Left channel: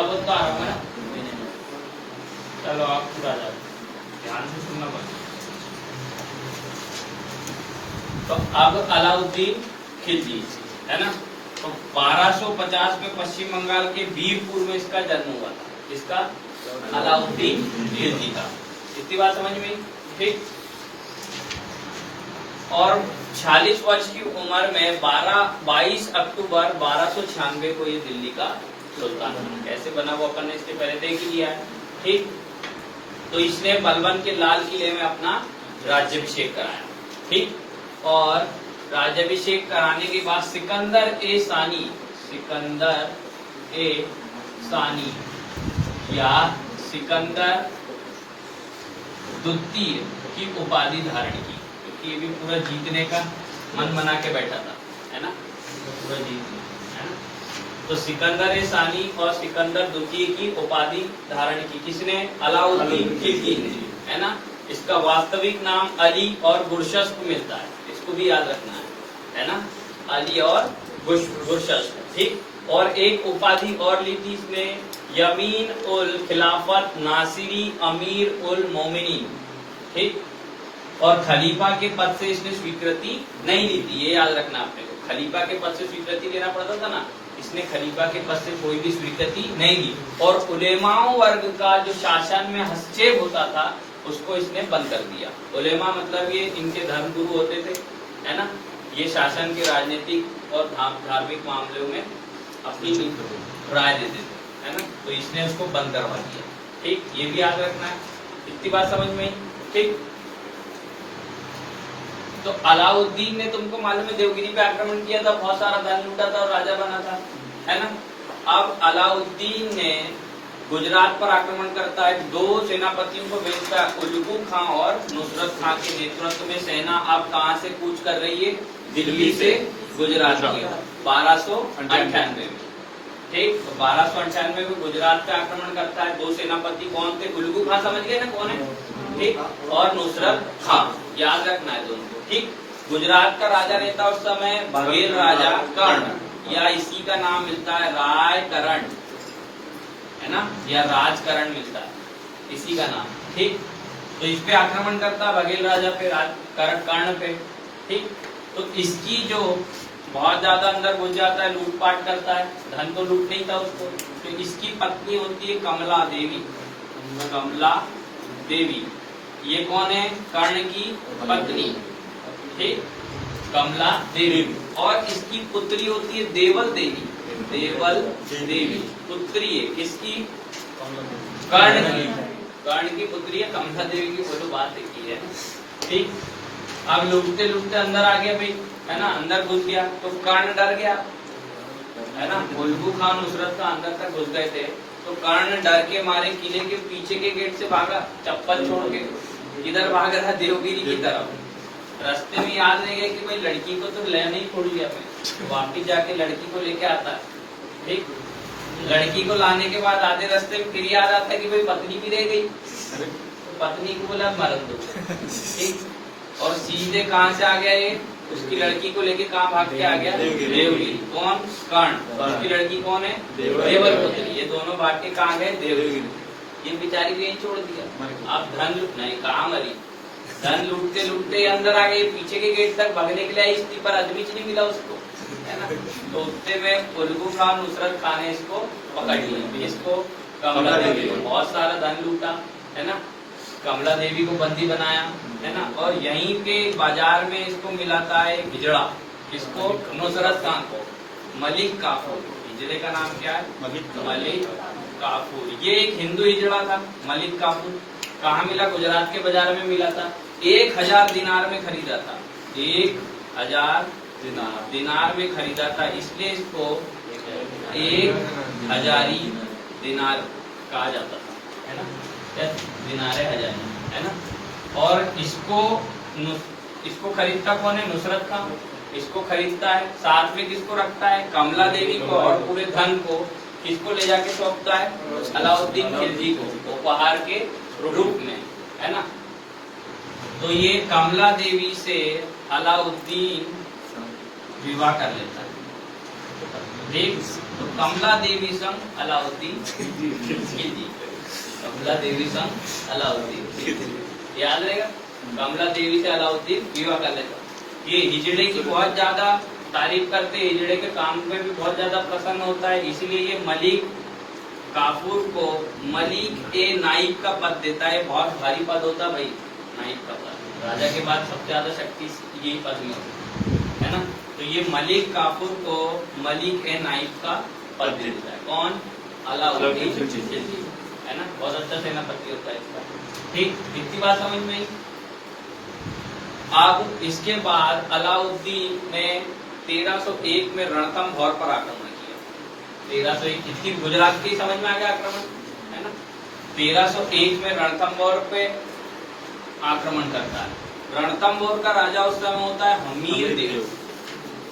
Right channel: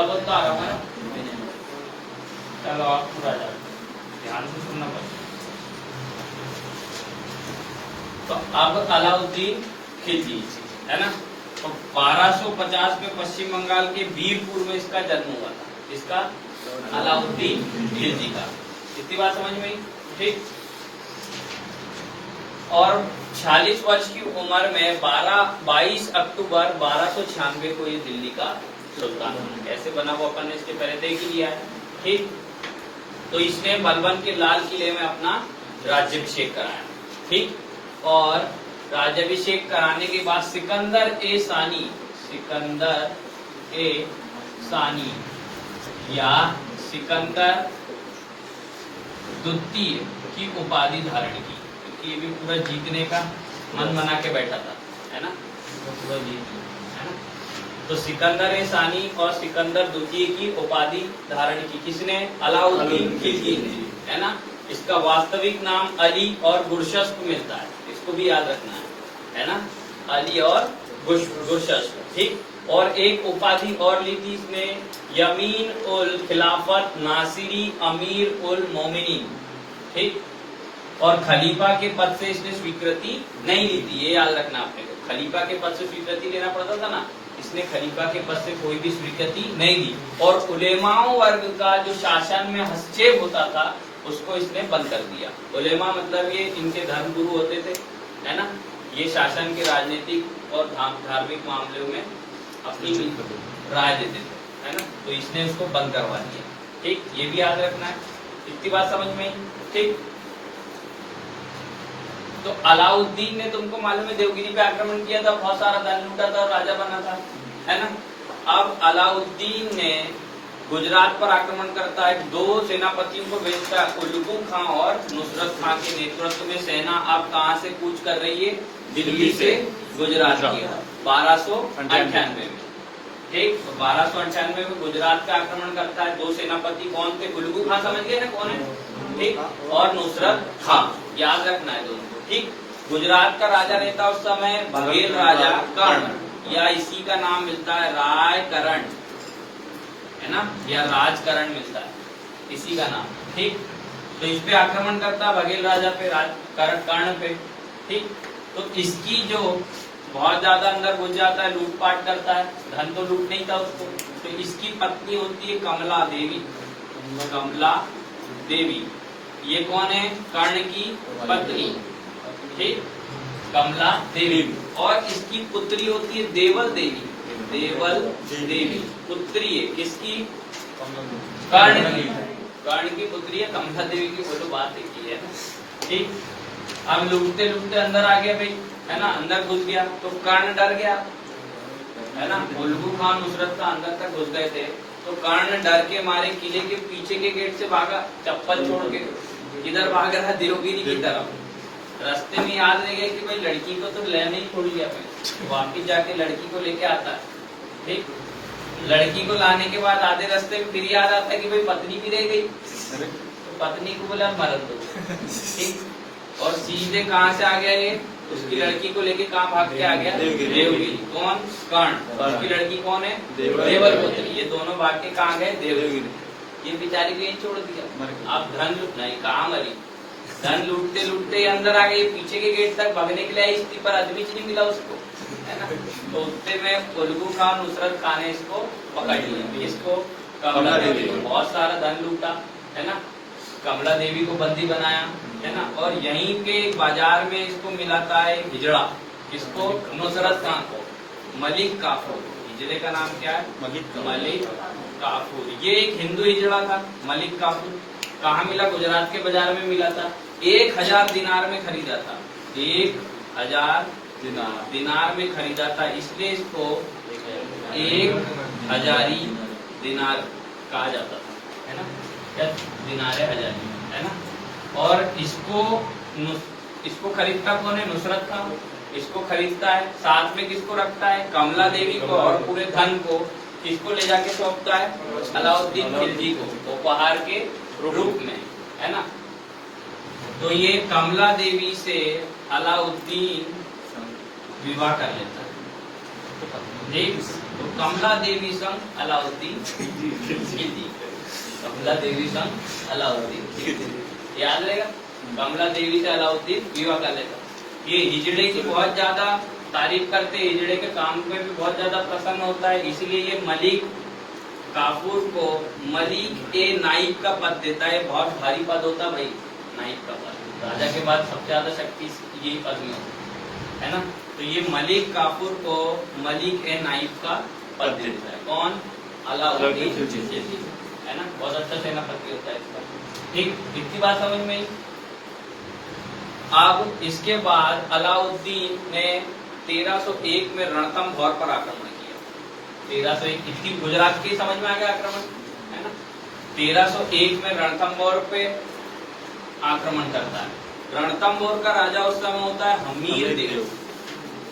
थोड़ा बहुत तो आ रहा है। चलो आप पूरा जाए, ध्यान से सुनना पड़ेगा। तो अब अलाउद्दीन खिलजी है ना, तो 1250 में पश्चिम बंगाल के वीरपुर में इसका जन्म हुआ था, इसका अलाउद्दीन खिलजी का। इतनी बात समझ में आई? ठीक। और 46 वर्ष की उम्र में 22 अक्टूबर 1296 को ये दिल्ली का सुल्तान बना। कैसे बना वो अपन ने इससे पहले देख लिया है। ठीक। तो इसने बलबन के लाल किले में अपना राज्याभिषेक कराया। ठीक। और राज्याभिषेक कराने के बाद सिकंदर ए सानी या सिकंदर द्वितीय की उपाधि धारण की, क्योंकि ये भी पूरा जीतने का मन बना के बैठा था, है ना, तो पूरा जीत, है ना। तो सिकंदर ए सानी और सिकंदर द्वितीय की उपाधि धारण की किसने? अलाउद्दीन खिलजी ने, है ना। इसका वास्तविक नाम अली और गुरशस्प मिलता है, इसको भी याद रखना है ना, अली और गुरशस्प। ठीक। और एक उपाधि और ली थी इसने, यमीन उल खिलाफत नासिरी अमीर उल मोमिनीन। ठीक। और खलीफा के पद से इसने स्वीकृति नहीं ली थी, ये याद रखना आपने को। खलीफा के पद से स्वीकृति लेना पड़ता था ना, इसने खलीफा के पद से कोई भी स्वीकृति नहीं ली। और उलेमाओं वर्ग का जो शासन में हस्तक्षेप होता था उसको इसने बंद कर दिया। उलेमा मतलब ये इनके धर्म गुरु होते थे, है ना, ये शासन के राजनीतिक और धार्मिक मामलों में अपनी राय देते थे, है ना, तो इसने उसको बंद करवा दिया। ठीक। ये भी याद रखना है। इतनी बात समझ में? ठीक। तो अलाउद्दीन ने, तुमको मालूम है, देवगिरी पे आक्रमण किया था, बहुत सारा धन लूटा था और राजा बना था, है ना। अब अलाउद्दीन ने गुजरात पर आक्रमण करता है, दो सेनापतियों को भेजता है, उलगू खां और नुसरत खां के नेतृत्व में सेना अब कहां से कूच कर रही है? दिल्ली से गुजरात की 1298 में। ठीक। तो 1298 में गुजरात पे आक्रमण करता है। दो सेनापति कौन थे? उलगू खां समझ गए ना कौन है? ठीक। और नुसरत खां, याद रखना है दोनों। ठीक। गुजरात का राजा रहता उस समय बघेल राजा कर्ण, या इसी का नाम मिलता है रायकरण, है ना, या राजकरण मिलता है, इसी का नाम। ठीक। तो इस पे आक्रमण करता है बघेल राजा पे, कर्ण पे। ठीक। तो इसकी जो बहुत ज्यादा अंदर घुस जाता है, लूटपाट करता है, धन तो लूट नहीं था उसको। तो इसकी पत्नी होती है कमला देवी। कमला देवी ये कौन है? कर्ण की पत्नी। ठीक। कमला देवी। और इसकी पुत्री होती है देवल देवी। देवल देवी पुत्री है किसकी? कर्ण की। कर्ण की पुत्री है कमला देवी की, वो तो बात देखी है ना। ठीक। अब लूटते लूटते अंदर आ गए भाई, है ना, अंदर घुस गया तो कर्ण डर गया, है ना। उलगू खां नुसरत का अंदर तक घुस गए थे, तो कर्ण डर के मारे किले के पीछे के गेट से भागा, चप्पल छोड़ के। किधर भाग रहा? देवगिरी की तरफ। रास्ते में याद रह गया कि भाई लड़की को तो लेने ही छोड़ दिया, वापिस जाके लड़की को लेके आता है। ठीक। लड़की को लाने के बाद आधे रास्ते में फिर याद आता है कि भाई पत्नी भी रह गई, तो पत्नी को बोला मरद दो। ठीक। और सीधे कहाँ से आ गया ये? उसकी लड़की को लेके कहाँ भाग के आ गया? देवगिरी। कौन? कर्ण। उसकी लड़की कौन है? देवल पुत्री। ये दोनों भाग के कहाँ गए? देवगिरी। ये बेचारी को यही छोड़ दिया। अब धन नहीं, कहाँ मरी, धन लूटते लूटते अंदर आ गए, पीछे के गेट तक भागने के लिए आई, इसके पर आदमी नहीं मिला उसको, है ना। तो उतने में उलगू खां नुसरत खां ने इसको पकड़ लिया। इसको कमला देवी को बहुत सारा धन लूटा, है ना, कमला देवी को बंदी बनाया, है ना। और यहीं पे बाजार में इसको मिलाता है हिजड़ा, इसको नुसरत खां को मलिक काफूर। हिजड़े का नाम क्या है? मलिक काफूर। ये एक हिंदू हिजड़ा था मलिक काफूर। कहाँ मिला? गुजरात के बाजार में मिला था। 1000 दिनार में खरीदा था, 1000 दिनार में खरीदा था, इसलिए इसको 1000 दिनार कहा जाता था, है ना, या दिनारे हजारी, है ना। और इसको खरीदता कौन है? नुसरत खां इसको खरीदता है, साथ में किसको रखता है? कमला देवी को। और पूरे धन को किसको ले जाके सौंपता है? अलाउद्दीन खिलजी को, उपहार के रूप में, है ना। तो ये कमला देवी से अलाउद्दीन विवाह कर लेता है। देवी, तो कमला देवी संग अलाउद्दीन खिलजी, कमला देवी संग अलाउद्दीन खिलजी, याद रहेगा। कमला देवी से अलाउद्दीन विवाह कर लेता। ये हिजड़े की बहुत ज्यादा तारीफ करते, हिजड़े के काम में भी बहुत ज्यादा प्रसन्न होता है, इसीलिए ये मलिक काफूर को मलिक ए नाइब का पद देता है। बहुत भारी पद होता है भाई, नाइब का पद, राजा के बाद सबसे ज्यादा शक्ति यही पद में है ना। तो ये मलिक काफूर को मलिक ए नाइब का पद देता है। कौन? अलाउद्दीन खिलजी, है ना। बहुत अच्छा सेनापति होता है इसका। ठीक, इतनी बात समझ में आई। अब इसके बाद अलाउद्दीन ने 1301 में रणथंभौर पर आक्रमण किया। 1301 कितनी गुजरात की समझ में आ गया आक्रमण, है ना। 1301 में रणथंभौर पे आक्रमण करता है। रणथंभौर का राजा उस समय होता है हमीर देव।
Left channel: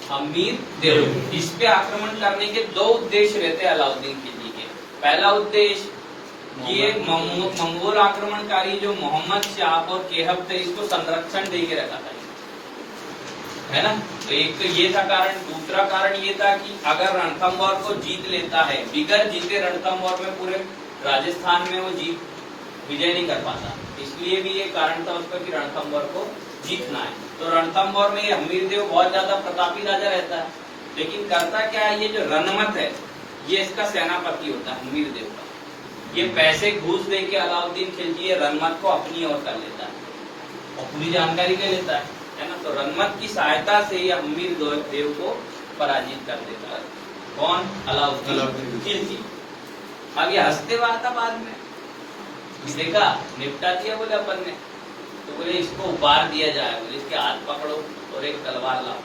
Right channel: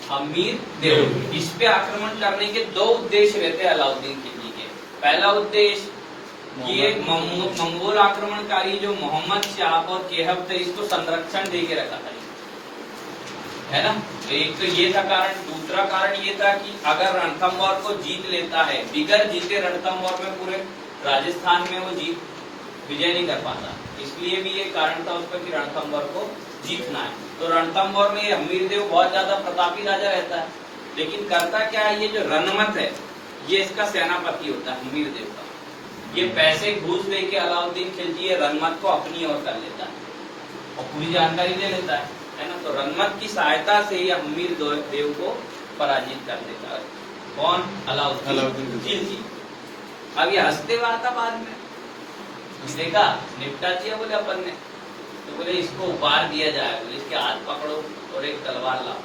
हमीर देव, इस पे आक्रमण करने के दो उद्देश्य रहते हैं अलाउद्दीन खिलजी के। पहला उद्देश्य, ये मंगोल आक्रमणकारी जो मोहम्मद शाह और केहब थे, इसको संरक्षण दे के रखा था, है ना। तो एक तो ये था कारण। दूसरा कारण ये था कि अगर रणथंभौर को जीत लेता है, बिगर जीते रणथंभौर में पूरे राजस्थान में वो जीत विजय नहीं कर पाता, इसलिए भी ये कारण था उसका कि रणथंभौर को जीतना है। तो रणथंभौर में हमीरदेव बहुत ज्यादा प्रतापी राजा रहता है, लेकिन करता क्या है, ये जो रनमत है ये इसका सेनापति होता है हमीरदेव का। ये पैसे घूस दे के अलाउद्दीन खिलजी रनमत को अपनी ओर कर लेता है और पूरी जानकारी ले लेता है ना। तो रनमत की सहायता से ये हमीर देव को पराजित कर देता है। कौन? अलाउद्दीन खिलजी। अब ये हंसते हुआ था बाद में, देखा निपटा दिया बोले अपन ने, तो बोले इसको उपहार दिया जाए, बोले इसके हाथ पकड़ो और एक तलवार लाओ।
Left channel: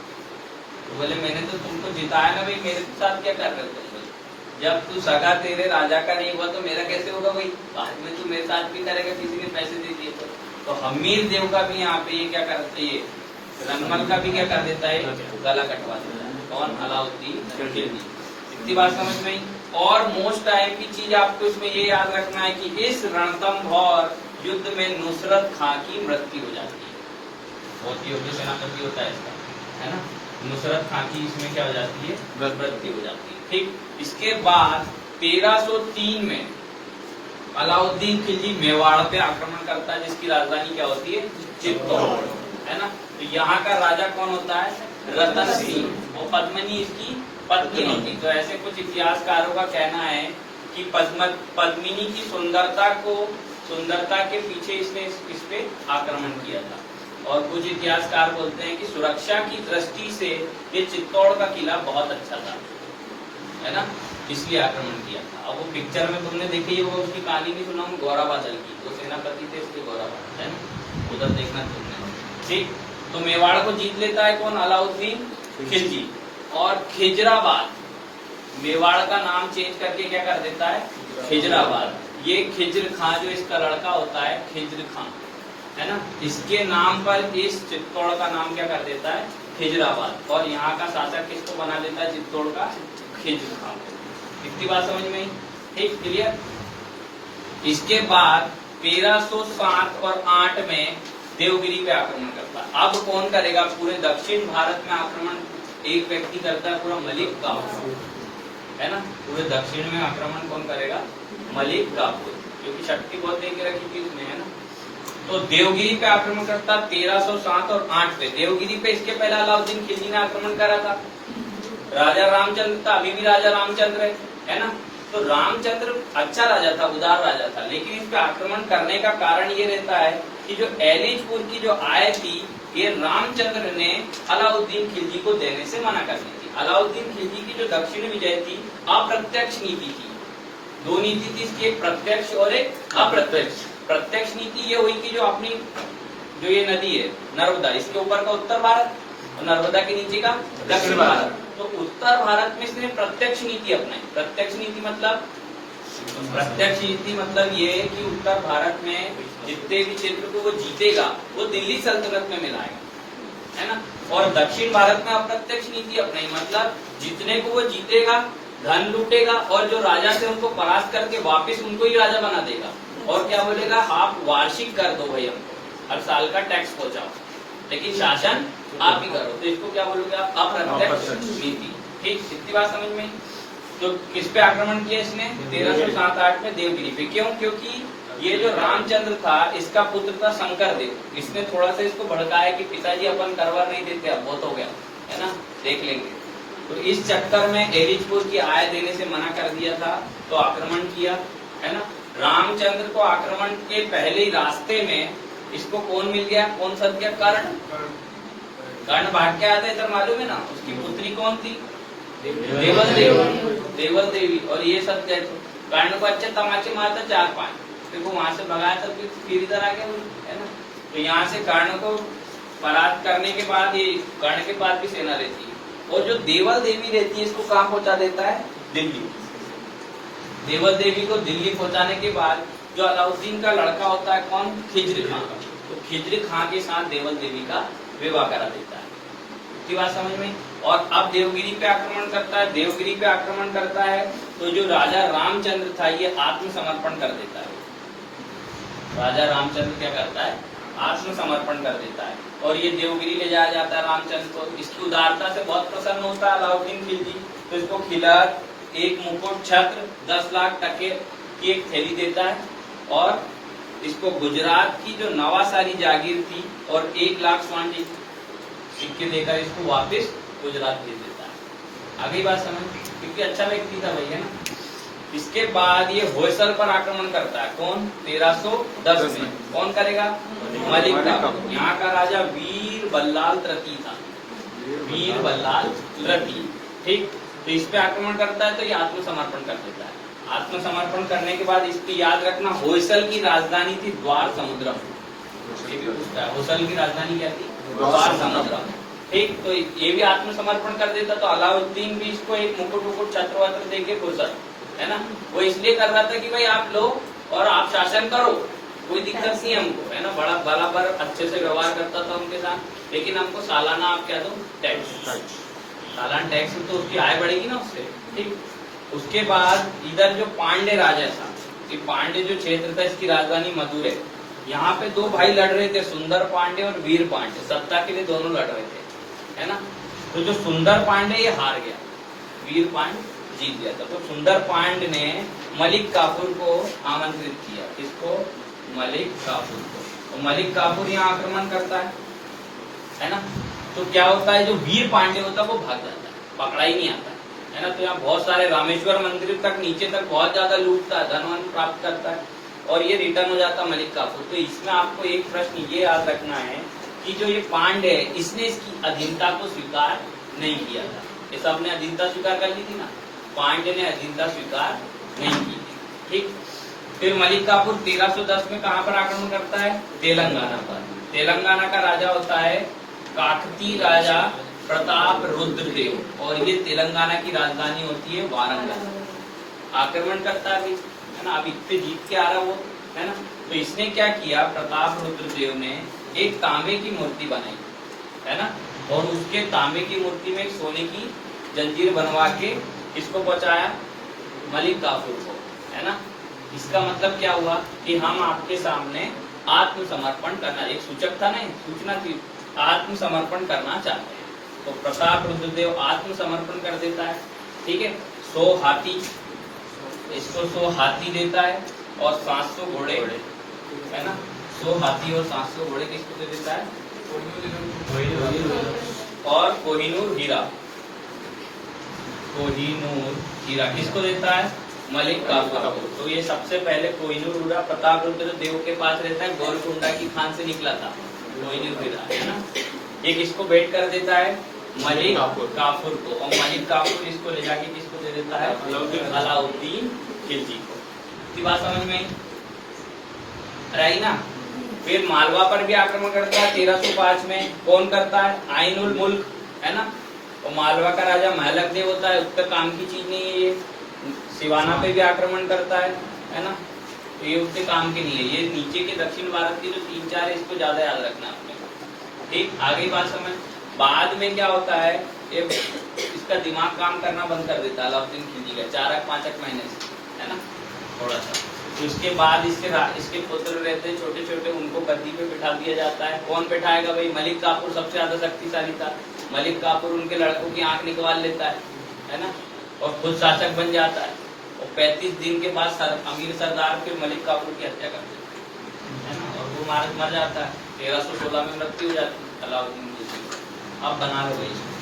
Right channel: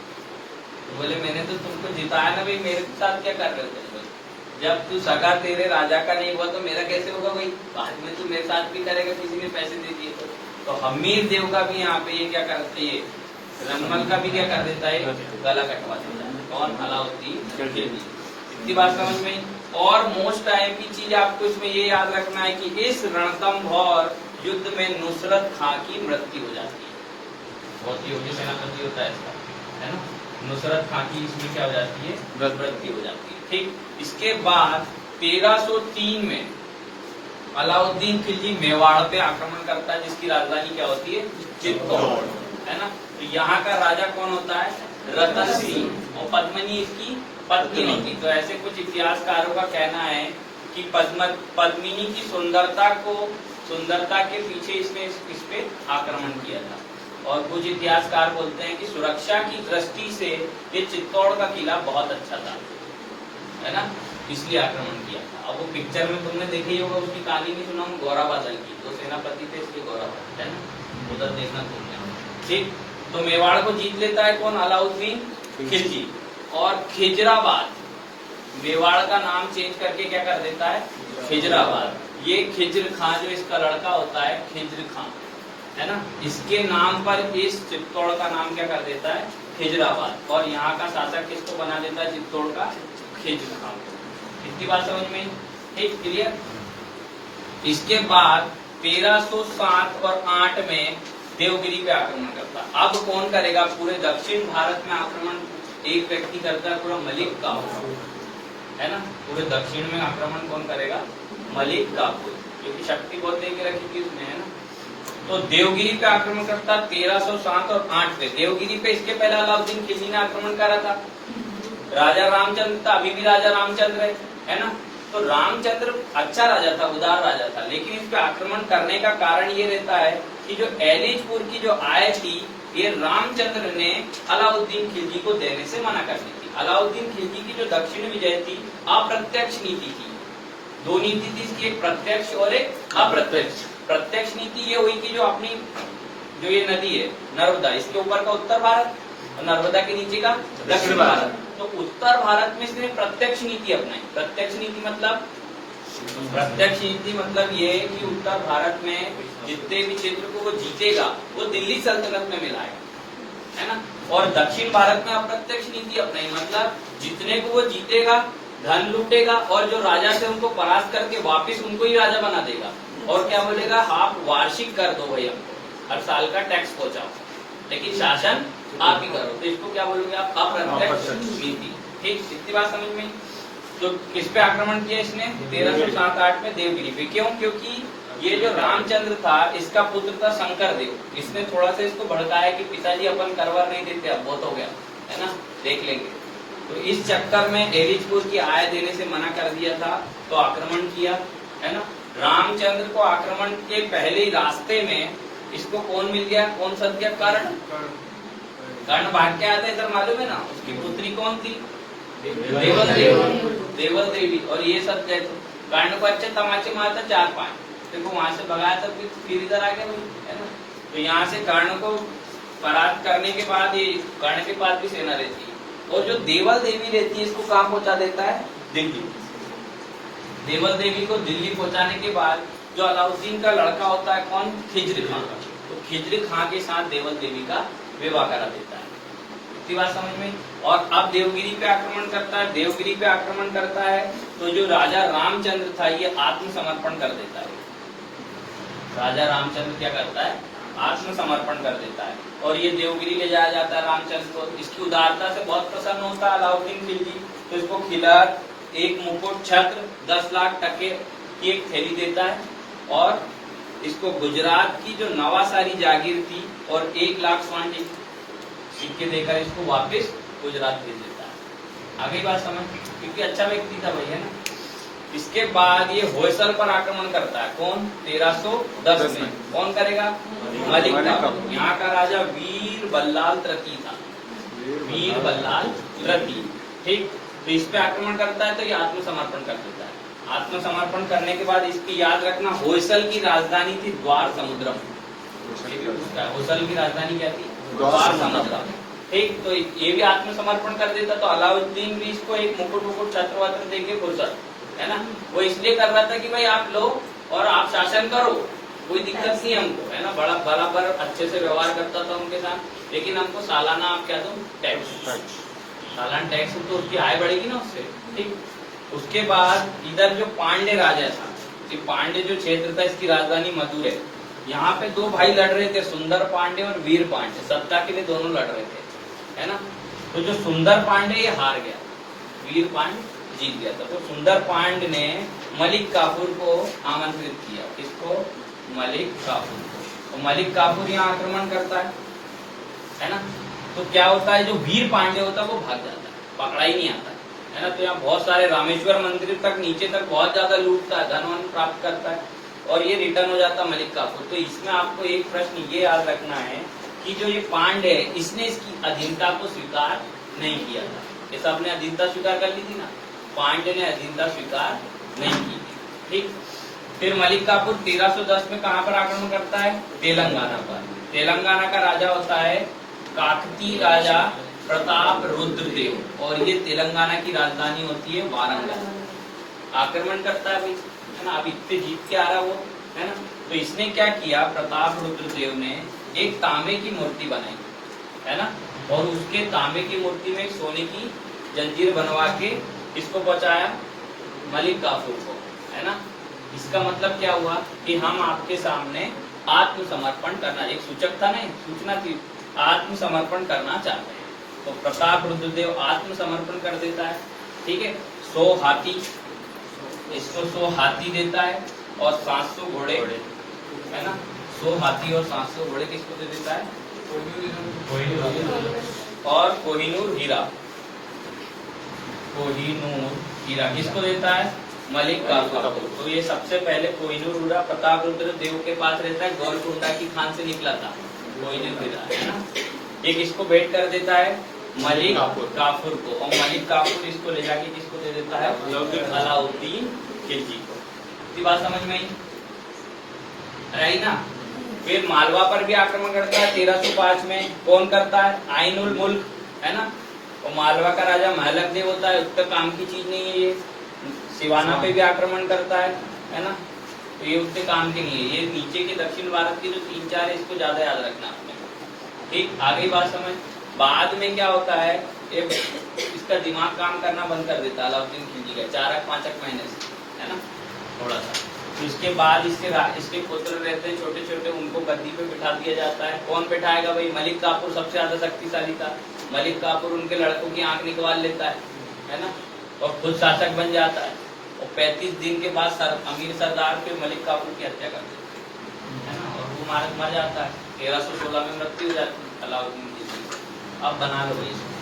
तो बोले मैंने तो तुमको जिताया ना भाई, मेरे साथ क्या कर रहे हो? जब तू सगा तेरे राजा का नहीं हुआ तो मेरा कैसे होगा भाई? बाद में तू मेरे साथ भी करेगा, किसी ने पैसे दे दिए तो हमीर देव का भी यहाँ पे ये क्या करते है, रनमल का भी क्या कर देता है, गला कटवा देता है। कौन? अलाउद्दीन खिलजी। इतनी बात समझ में आई। और मोस्ट आईपी चीज आपको इसमें ये याद रखना है कि इस रणथंभौर युद्ध में नुसरत खां की मृत्यु हो जाती है। बहुत योग्य सेनापति होता है इसका, है ना। नुसरत खां की इसमें क्या हो जाती है, मृत्यु हो जाती है। ठीक, इसके बाद 1303 में अलाउद्दीन खिलजी मेवाड़ पे आक्रमण करता है, जिसकी राजधानी क्या होती है, चित्तौड़, है ना। तो यहाँ का राजा कौन होता है, रतन सिंह, और पद्मिनी इसकी पत्नी होती। तो ऐसे कुछ इतिहासकारों का कहना है कि पद्मिनी की सुंदरता के पीछे इसने इस पे आक्रमण किया था। और कुछ इतिहासकार बोलते हैं कि सुरक्षा की दृष्टि से ये चित्तौड़ का किला बहुत अच्छा था, है ना, इसलिए आक्रमण किया था। अब वो पिक्चर में तुमने देखी होगा, उसकी कहानी भी सुना, गौरा बादल की, तो सेनापति थे इसके गौरा बादल, है ना, उधर देखना तुमने। ठीक, तो मेवाड़ को जीत लेता है कौन, अलाउद्दीन खिलजी। और खिजराबाद, मेवाड़ का नाम चेंज करके क्या कर देता है, खिजराबाद। ये खिज्र खां जो इसका लड़का होता है, खिज्र खां, है ना, इसके नाम पर इस चित्तौड़ का नाम क्या कर देता है, खिजराबाद। और यहाँ का शासक किसको बना देता है, चित्तौड़ का खिज्र खां। इतनी बात समझ में, ठीक, क्लियर। इसके बाद 1307 और 8 में देवगिरी पे आक्रमण करता है। अब कौन करेगा, पूरे दक्षिण भारत में आक्रमण एक व्यक्ति करता है, पूरा मलिक काफूर, है ना। पूरे दक्षिण में आक्रमण कौन करेगा, मलिक काफूर, क्योंकि शक्ति बहुत दे के रखी थी उसमें, है ना। तो देवगिरी पे आक्रमण करता 1307 और 8 पे। देवगिरी पे इसके पहले अलाउद्दीन खिलजी ने आक्रमण करा था। राजा रामचंद्र था, अभी भी राजा रामचंद्र है ना। तो रामचंद्र अच्छा राजा था, उदार राजा था, लेकिन इस पे आक्रमण करने का कारण ये रहता है कि जो एलिजपुर की जो आय थी, ये रामचंद्र ने अलाउद्दीन खिलजी को देने से मना कर दी थी। अलाउद्दीन खिलजी की जो दक्षिण विजय थी, अप्रत्यक्ष नीति की, दो नीति थी इसकी, एक प्रत्यक्ष और एक अप्रत्यक्ष। प्रत्यक्ष नीति ये हुई कि जो अपनी जो ये नदी है नर्मदा, इसके ऊपर का उत्तर भारत और नर्मदा के नीचे का दक्षिण भारत। तो उत्तर भारत में इसने प्रत्यक्ष नीति अपनाई। प्रत्यक्ष नीति मतलब ये है कि उत्तर भारत में जितने भी क्षेत्र को वो जीतेगा वो दिल्ली सल्तनत में मिलाएगा, है ना। और दक्षिण भारत में अप्रत्यक्ष नीति अपनाई, मतलब जितने को वो जीतेगा धन लूटेगा, और जो राजा थे उनको परास्त करके वापिस उनको ही राजा बना देगा। और क्या बोलेगा, आप वार्षिक कर दो भाई, हमको हर साल का टैक्स पहुंचाओ, लेकिन शासन आप ही करो। तो इसको क्या बोलोगे आप, अप्रत्यक्ष नीति। ठीक, इतनी बात समझ में। तो किस पे आक्रमण किया इसने? 1307-8 में देवगिरी पे। क्यों? क्योंकि ये जो रामचंद्र था इसका पुत्र था शंकर देव। इसने थोड़ा सा इसको भड़काया कि पिताजी अपन करवा नहीं देते, अब बहुत हो गया है ना, देख लेंगे। तो इस चक्कर में एरिजपुर की आय देने से मना कर दिया था, तो आक्रमण किया, है ना। रामचंद्र को आक्रमण के पहले ही रास्ते में इसको कौन मिल गया? कौन सद गया? कर्ण। कर्ण भाग के आया था, इधर मालूम है ना। उसकी पुत्री कौन थी? देवल देवी। देवल देवी। और ये सब कर्ण को अच्छे तमाचे मारता 4-5, फिर वो वहां से भगाया था, फिर इधर आ गया, है ना। तो यहाँ से कर्ण को परास्त करने के बाद ये कर्ण के पास भी सेना रहती है। और जो देवल देवी रहती है इसको कहाँ पहुंचा देता है? दिल्ली। देवल देवी को दिल्ली पहुंचाने के बाद जो अलाउद्दीन का लड़का होता है कौन? खिज्र खां। तो खिज्र खां के साथ देवल देवी का विवाह करा देता है। इतनी बात समझ में। और अब देवगिरी पे आक्रमण करता है। देवगिरी पे आक्रमण करता है तो जो राजा रामचंद्र था ये आत्मसमर्पण कर देता है। राजा रामचंद्र क्या करता है? आत्मसमर्पण कर देता है। और ये देवगिरी ले जाया जाता है रामचंद्र को। इसकी उदारता से बहुत प्रसन्न होता है अलाउद्दीन खिलजी, तो इसको किला, एक मुकुट, छत्र, 10 लाख टके की एक थैली देता है। और इसको गुजरात की जो नवासारी जागीर थी और 1 लाख स्वर्ण सिक्के देकर इसको वापस गुजरात भेज देता है। आगे बात समझ, क्योंकि अच्छा व्यक्ति था भैया ना। इसके बाद ये होयसल पर आक्रमण करता है। कौन? 1310 में। कौन करेगा? मलिक काफूर। यहाँ का राजा वीर बल्लाल तृतीय था। वीर बल्लाल तृतीय, ठीक। तो इस पे आक्रमण करता है तो ये आत्मसमर्पण कर देता है। आत्मसमर्पण करने के बाद इसकी याद रखना, होयसल की राजधानी थी द्वार समुद्रम। होयसल की राजधानी क्या थी? द्वार समुद्रम, ठीक। तो ये भी आत्मसमर्पण कर देता। तो अलाउद्दीन भी इसको एक मुकुट छत्र वत्र देके फुर्सत, है ना। वो इसलिए कर रहा था कि भाई आप लो और आप शासन करो, कोई दिक्कत नहीं हमको, है ना। बड़ा बराबर अच्छे से व्यवहार करता था उनके साथ, लेकिन हमको सालाना आप क्या दो? टैक्स। सालाना टैक्स तो उसकी आय बढ़ेगी ना उससे, ठीक। उसके बाद इधर जो पांडे राजा था, कि पांडे जो क्षेत्र था इसकी राजधानी मदुरै है। यहाँ पे 2 भाई लड़ रहे थे, सुंदर पांडे और वीर पांडे। सत्ता के लिए दोनों लड़ रहे थे, है ना। तो जो सुंदर पांडे ये हार गया, वीर पांडे जीत गया था। तो सुंदर पांडे ने मलिक काफूर को आमंत्रित किया। किसको? मलिक काफूर को। तो मलिक काफूर यहाँ आक्रमण करता है ना। तो क्या होता है, जो वीर पांडे होता है वो भाग जाता है, पकड़ा ही नहीं आता है ना। तो यहाँ बहुत सारे रामेश्वर मंदिर तक नीचे तक बहुत ज्यादा लूटता है, धन प्राप्त करता है और ये रिटर्न हो जाता है मलिक काफूर। तो इसमें आपको एक प्रश्न ये याद रखना है कि जो ये पांडे है इसने इसकी अधीनता को स्वीकार नहीं किया था। ये सबने अधीनता स्वीकार कर ली थी ना, पांडे ने अधीनता स्वीकार नहीं की थी, ठीक। फिर मलिक काफूर 1310 में कहाँ पर आक्रमण करता है? तेलंगाना पर। तेलंगाना का राजा होता है काकतीय राजा प्रताप रुद्रदेव और ये तेलंगाना की राजधानी होती है वारंगल। आक्रमण करता है भाई, है ना। अब इतने जीत के आ रहा वो, है ना। तो इसने क्या किया, प्रताप रुद्रदेव ने एक तांबे की मूर्ति बनाई, है ना। और उसके तांबे की मूर्ति में एक सोने की जंजीर बनवा के इसको पहुंचाया मलिक काफूर को, है ना। इसका मतलब क्या हुआ कि हम आपके सामने आत्मसमर्पण करना, एक सूचक था नहीं, सूचना की, आत्मसमर्पण करना चाहते हैं। तो प्रताप रुद्रदेव आत्मसमर्पण कर देता है, ठीक है। 100 हाथी, इसको 100 हाथी देता है और 700 घोड़े, है ना। 100 हाथी और 700 घोड़े किसको दे देता है? और कोहिनूर हीरा, कोहिनूर हीरा किसको देता है? मलिक काफूर को। तो ये सबसे पहले कोहिनूर हीरा प्रताप रुद्र देव के पास रहता है, गोलकुंडा की खान से निकला था कोहिनूर हीरा, है ना। एक इसको भेंट कर देता है मलिक काफूर को और मलिक काफूर इसको ले जाके किसको दे देता है? अलाउद्दीन खिलजी को। ये बात समझ में आई ना। फिर मालवा पर भी आक्रमण करता है 1305 में। कौन करता है? आइन उल मुल्क, है ना। और मालवा का राजा महलक देव होता है, उतना काम की चीज नहीं है ये। सिवाना पे भी आक्रमण करता है ना। तो ये उतने काम के नहीं है। ये नीचे के दक्षिण भारत के जो 3-4 है इसको ज्यादा याद रखना आपने, ठीक। आगे बात समझ। बाद में क्या होता है, इसका दिमाग काम करना बंद कर देता है अलाउद्दीन खिलजी का 4-5 महीने से, है ना, थोड़ा सा। तो इसके बाद इसके पुत्र रहते हैं छोटे छोटे, उनको गद्दी पे बिठा दिया जाता है। कौन बिठाएगा भाई? मलिक काफूर सबसे ज्यादा शक्तिशाली था। मलिक काफूर उनके लड़कों की आंख निकलवा लेता है है ना, और खुद शासक बन जाता है, और 35 दिन के बाद अमीर सरदार फिर मलिक काफूर की हत्या कर देते है ना, और वो मर जाता है। 1316 में मृत्यु हो जाती है अलाउद्दीन की। अब बना लो भाई इसको।